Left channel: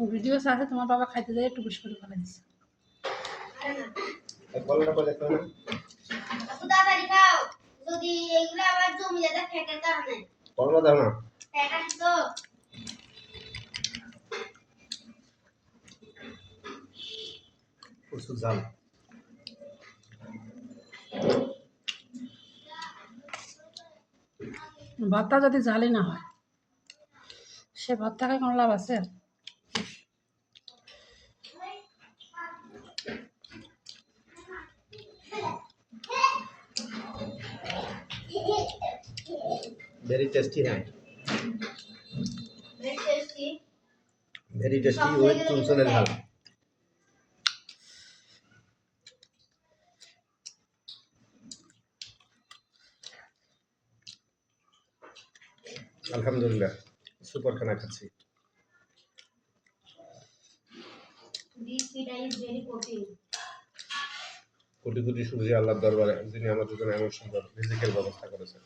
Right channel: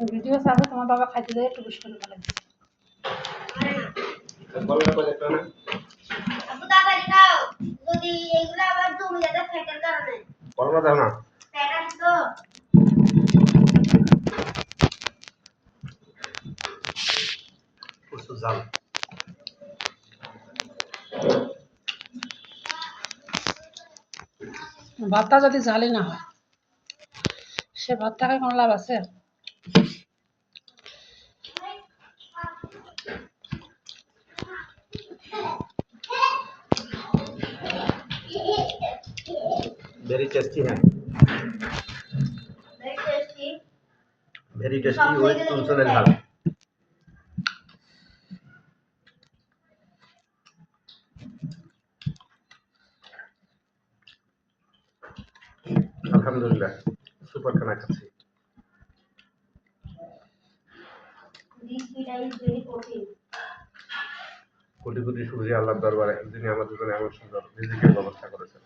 video সাথে তোমার বাবা খাইতে দেয় একটু বেশি করে ভালো দিচ্ছে বলনা করে একটা না আপু তাড়াতাড়ি খাও যদি এইগুলা আবার জমি যাবে ফ্যাটের কারণে বলনা দাও না ফ্যাট আছে তো প্রচুর ঝাল ভাতটা যদি ঝালই না হয় সে ভাত থাকায় কোনো লাভ আছে वेरी टेस्टी है very tasty very tasty with चुनचुने झाल আলহামদুলিল্লাহ সুপার খানা খাচ্ছি this food is very protein crore crore শুকরিয়া আল্লাহর দরবারে যিনি আমাদের জন্য এমন সুন্দর রিজিকের ব্যবস্থা করেছেন